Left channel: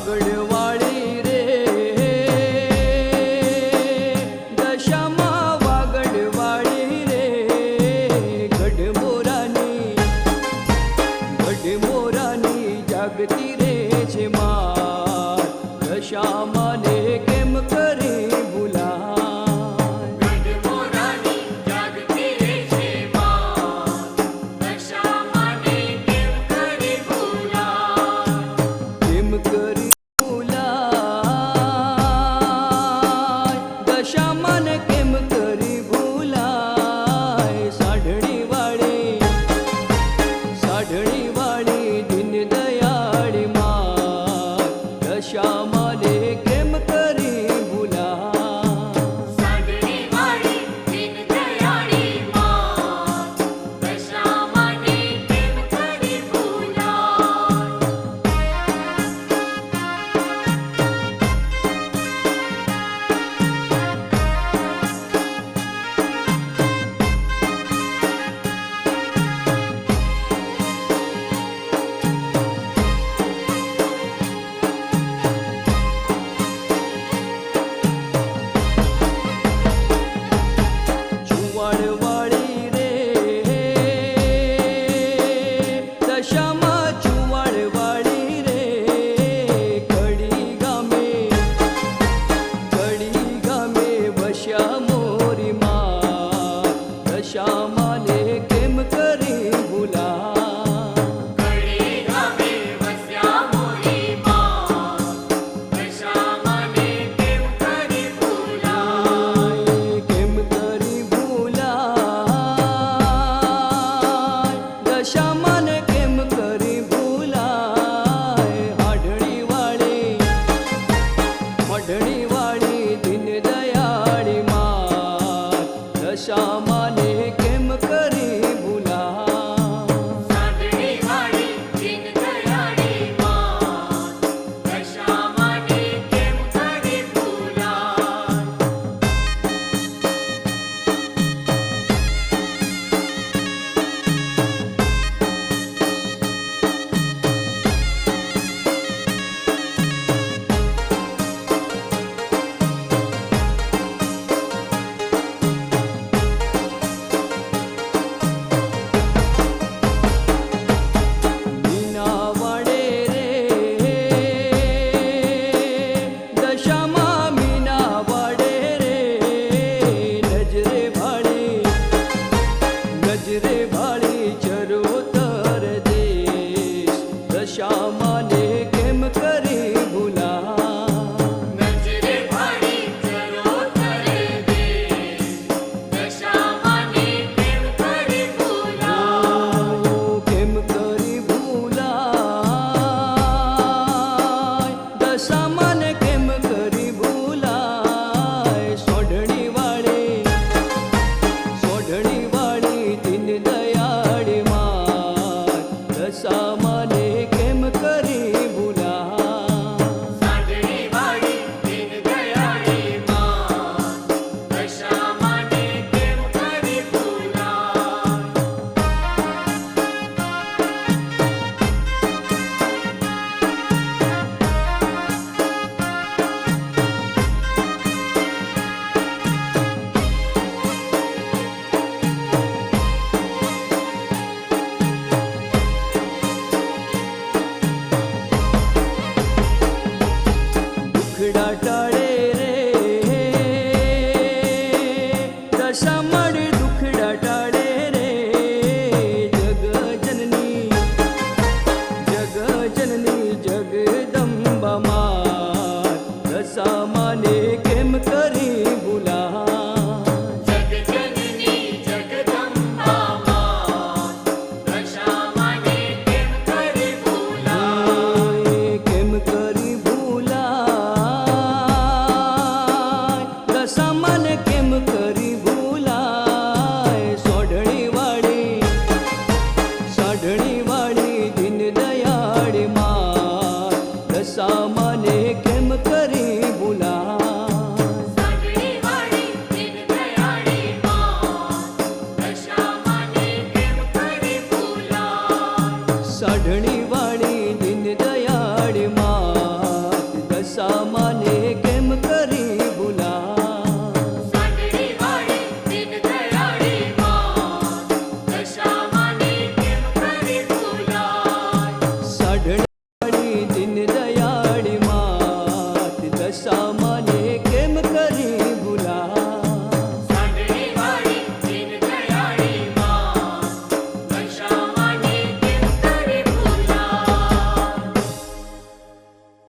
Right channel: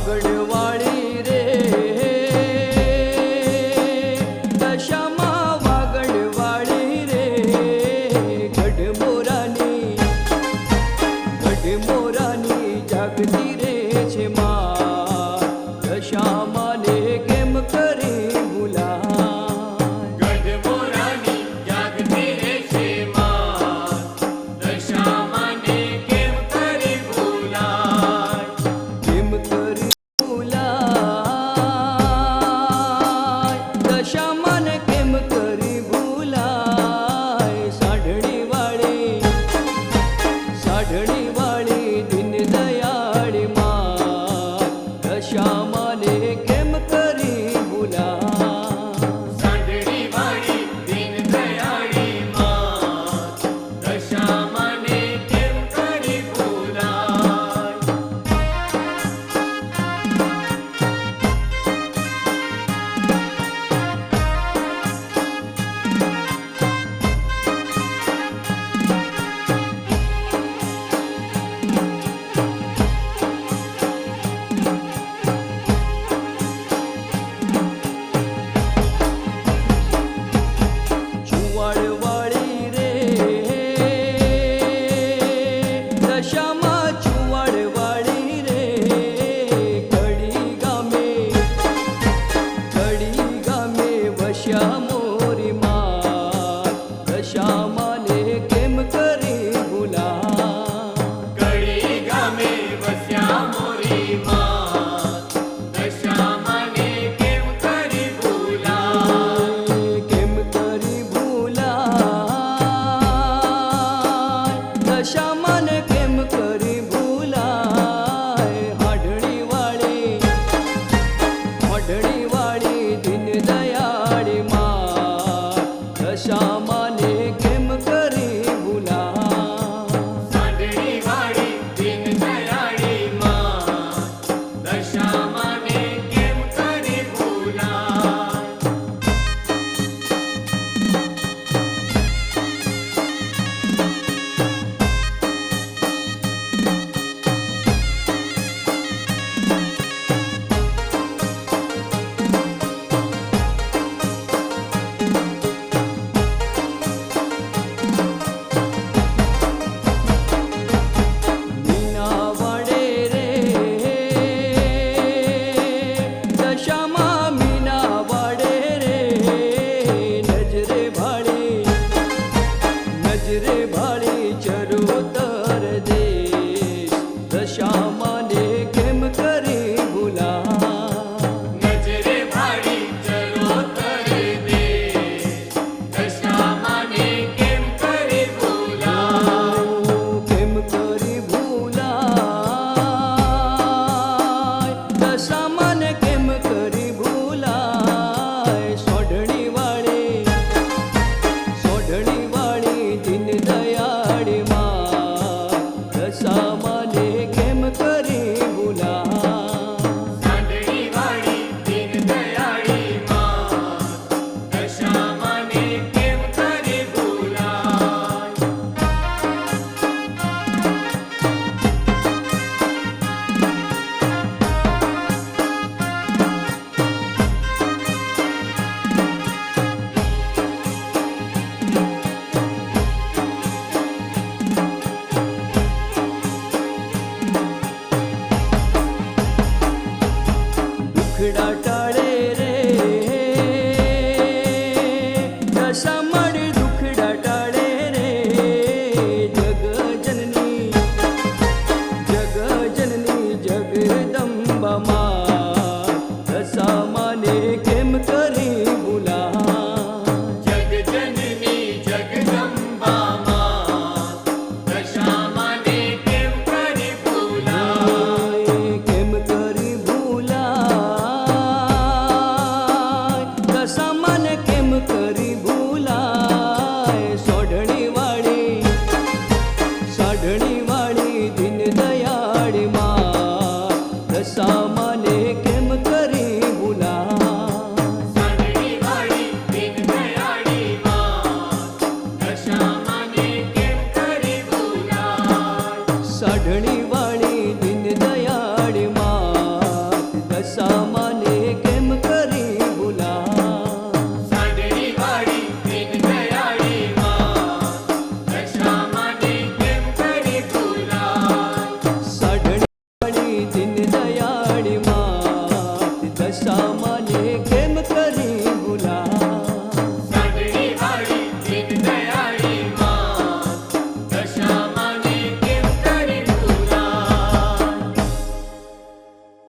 વાગડવાળી રે દશામાં વાગડવાળી રે ગઢમોરાની જાગતી રે છે માર દશામાને કેમ કરી ભૂલા દશામાન કેમ કરી ભૂલાય સાઢણી વાળી દીન દયાળી માં દશામાને કેમ કરી ભૂલાય ચુવાડવાળી રે દશામાં ચુવાડવાળી રે કડી ગામે વસ્યા મોરી માં દશામાને કેમ કરી ભૂલા દશામાન કેમ કરી ભૂલાય હાઢણી વાળી દીન દયાળી માં દશામાને કેમ કરી ભૂલા દશામાં મીના વાડે રે નજરે ભાળી ચરોતર દેશ દશામાને કેમ કરી ભૂલા દશામાન કેમ કરી ભૂલાય સોઢણી વાળી દીન દયાળી માં દશામાને કેમ કરી ભૂલા દુખડા ટાળે રે દશામાન દુખડા ટાળે રે જગજનની જગદંબા માં દશામાને કેમ કરી ભૂલા દશામાન કેમ કરી ભૂલાય સાઢણી વાળી દીન દયાળી માં દશામાને કેમ કરી ભૂલા સાઢણી વાળી દીન દયાળી માં દશામાને કેમ કરી ભૂલા. સાઢણી વાળી દીન દયાળી માત દશામાને